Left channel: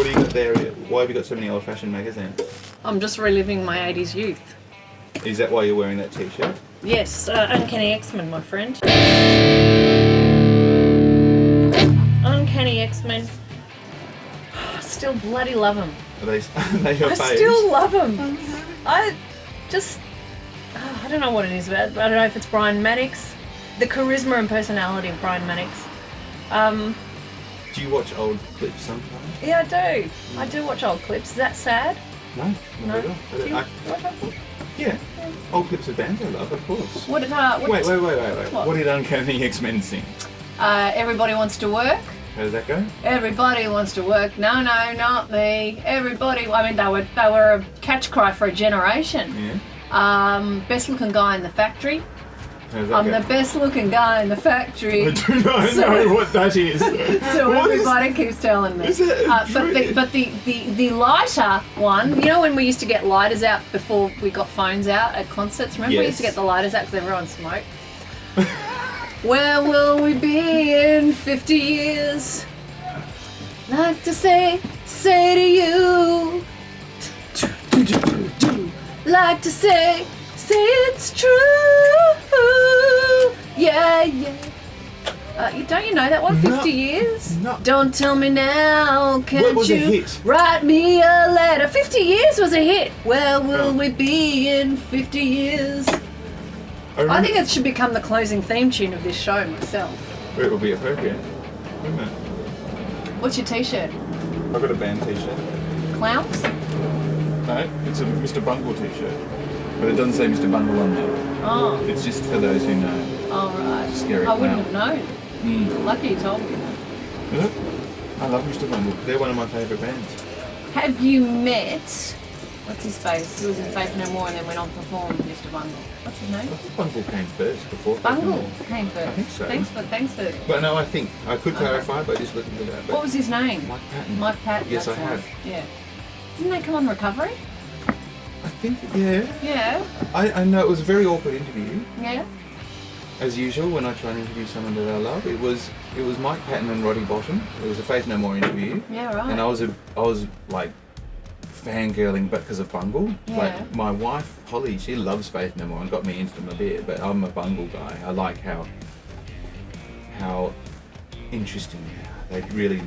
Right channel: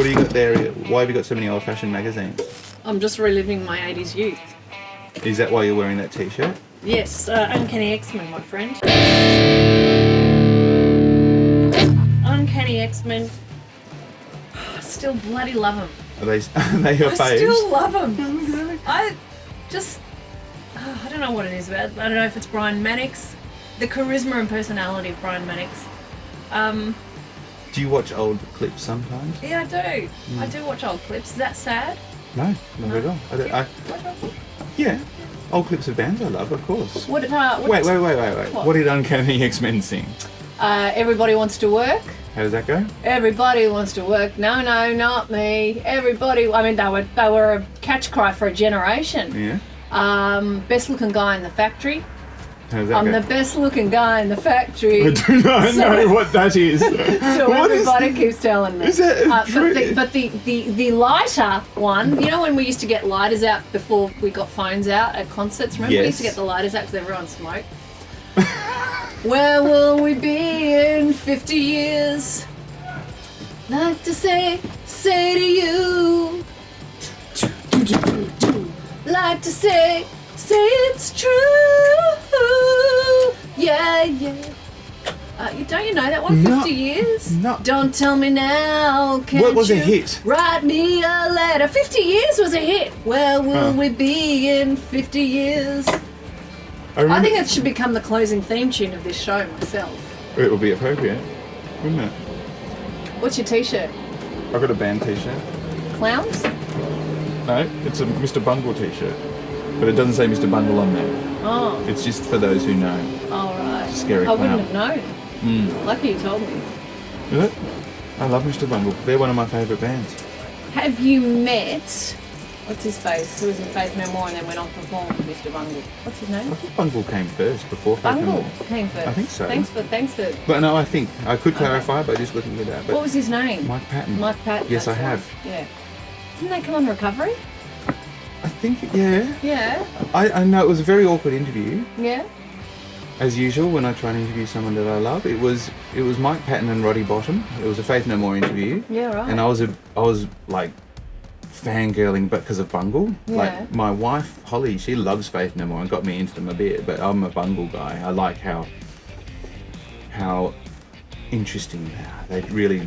What do you got there? Why have you got so many old-fashioned magazines? I'm just reliving my 80s youth. Is that why you're wearing that t-shirt? Yes, Uncanny X-Men, my friend. Uncanny X-Men. Still bloody love them. Are they your faves? I still love them. I don't know what it is about. I don't know if it's Brian Maddox, the charisma and personality of Brian Maddox. Do you watch old clips sometimes? Yeah, I do. I do watch old clips. Is that sad? No, not at all. Yeah, old clips of bands I love, of course. Wait. Wait. What did Uncanny X-Men sing? Everybody wants to work. How does that go? Everybody wants to work. No, not me. Everybody. I mean, they were a catch cry for a generation. Yeah. Best looking guy in the factory. How does that I'm go? the best looking guy in the factory. I do not know what that is. So What is- everybody keeps telling me. Is that but the lighter one, you know when we used to get lighters out before we got phones out at concerts? Remember we used to Yes. get the lighters out because everyone smoked? Where will we be in 50 years? Like to say to you. Like to say it's true. Yeah. Don't you know that one? 50 years? no. Don't tell me now. Can't What was you a hit? Write me a letter. 50 years was a hit. Where will we be in 50 years? I think it should become the closing theme tune of this show myself. It would be appropriate, wouldn't it? What's your t-shirt? I've got a band t-shirt. Clowns? No, it's a Mr. Bungle t-shirt. But it doesn't say Mr. Bungle on there. Oh, It's just for those who know. all right. Scary I wouldn't clown. have known. Lucky you told me. Is it? I love Mr. Bungle. They're one of my favourite bands. Have you met, what's his face, who was in Faith No More and then went on to perform with Mr. Bungle? What's his name? I think Bungle came first before Faith No Bungle More. came first. I think so. Thanks for. But no, I think I could clarify by just looking at that. But What was his name? Mike Patton. Mike Patton. Yes, that's I the one. have. Yeah. Didn't they come on Recovery? I think, yeah. Yeah. I know it was a very awkward interview, Yeah. as usual. When I try and interview someone that I love, it was Mike Patton and Roddy Bottom. It was a Faith No More interview. Yeah, right. And I was like fangirling, but because of Bungle. Yeah. Like my wife Holly, she loves Faith No More and got me into them a bit. But I'm a Bungle guy. I like how interesting they really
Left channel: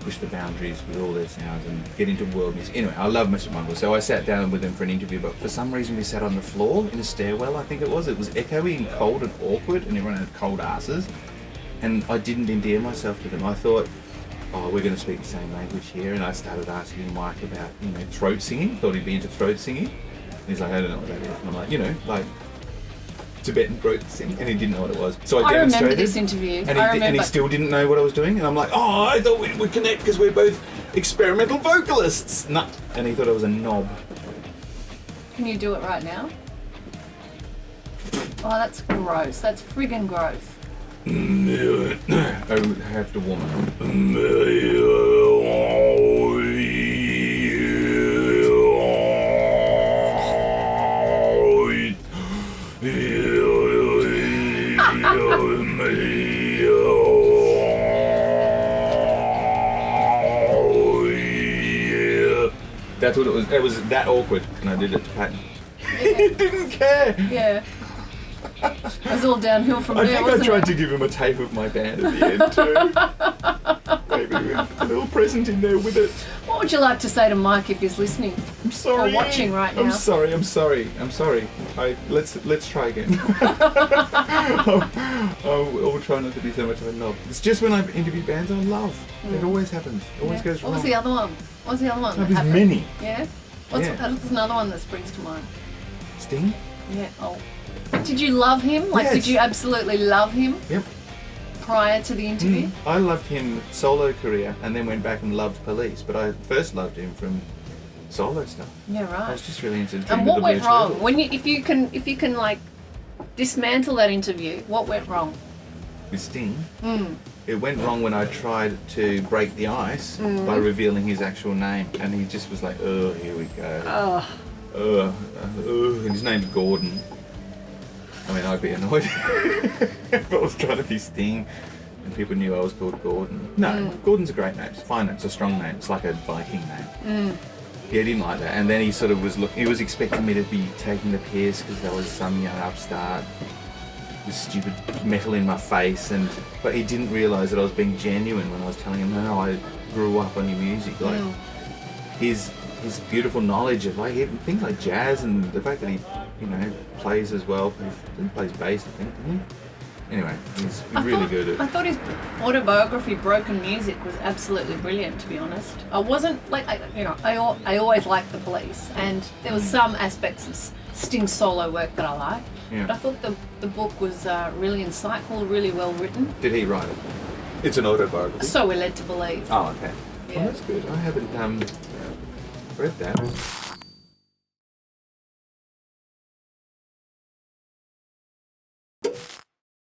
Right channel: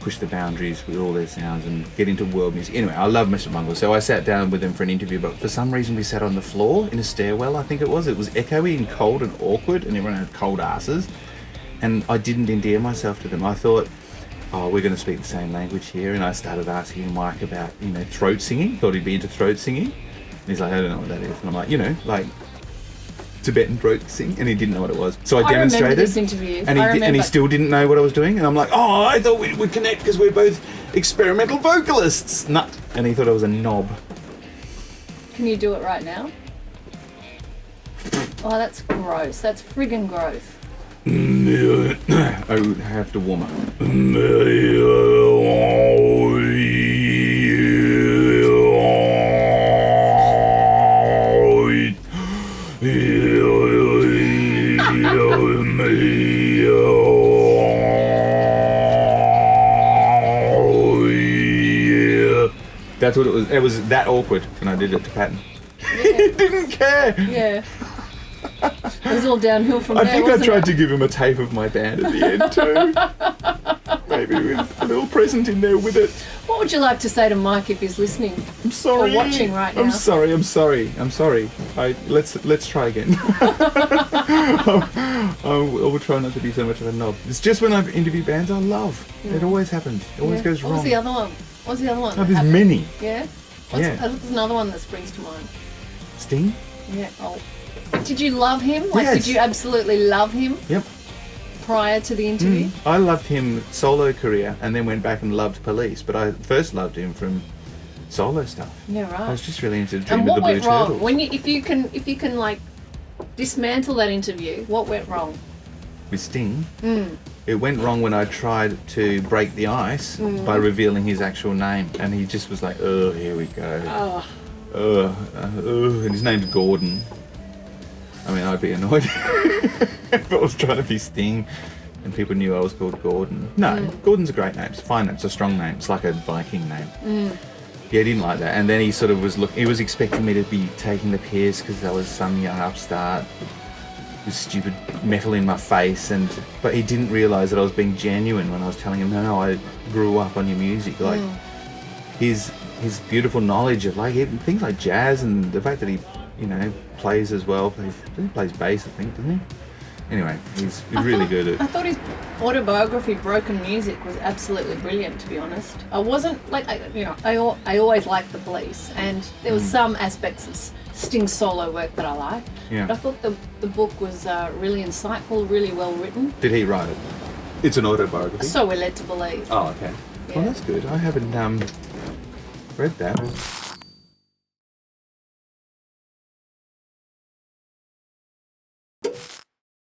push the boundaries with all their sounds and get into world music. Anyway, I love Mr. Bungle, so I sat down with him for an interview, but for some reason we sat on the floor in a stairwell, I think it was. It was echoey and cold and awkward, and everyone had cold asses, and I didn't endear myself to them. I thought, oh, we're going to speak the same language here, and I started asking Mike about, throat singing. Thought he'd be into throat singing. And he's like, I don't know what that is. And I'm like, like Tibetan throat sing, and he didn't know what it was. So I demonstrated. remember this interview. And he still didn't know what I was doing. And I'm like, oh, I thought we'd connect because we're both experimental vocalists. Nah. And he thought I was a knob. Can you do it right now? Oh, that's gross. That's friggin' gross. I would have to warm up. That's what it was. It was that awkward when I did it to Patton. He didn't care. Yeah. It was all downhill from I there, think I wasn't tried it? to give him a tape of my band at the end too. Maybe with a little present in there with it. What would you like to say to Mike if he's listening? I'm sorry. Or watching right now. I'm sorry. Let's try again. I will try not to be so much of a knob. It's just when I've interviewed bands I love. It always happens. It always goes wrong. What was the other one? What was the other one? Oh, that there's happened? many. Yeah? Yeah. There's another one that springs to mind. Sting? Yeah. Oh. Did you love him? Like, Yes. did you absolutely love him Yep. prior to the interview? I loved him solo career and then went back and loved Police, but I first loved him from solo stuff. Yeah, I right. was just really into Dream And of what the Blue went wrong? Turtle. When if you can like dismantle that interview, what went wrong? With Sting, it went wrong when I tried to break the ice by revealing his actual name, and he just was like, "Oh, here we go." And his name's Gordon. I mean, I'd be annoyed if I was trying to be Sting. and people knew I was called Gordon. No, Gordon's a great name. It's a fine name. It's a strong name. It's like a Viking name. Yeah, he didn't like that. And then he sort of was he was expecting me to be taking the piss because I was some young upstart with stupid metal in my face, but he didn't realise that I was being genuine when I was telling him, no, I grew up on your music. Like his beautiful knowledge of like things like jazz and the fact that he, plays as well. He plays bass, I think, doesn't he? Anyway, he's really good at. I thought his autobiography, Broken Music, was absolutely brilliant. To be honest, I wasn't like I always liked the Police, and there was some aspects of Sting's solo work that I liked. Yeah. But I thought the book was really insightful, really well written. Did he write it? It's an autobiography. So we're led to believe. Oh, okay. Yeah. Well, that's good. I haven't read that.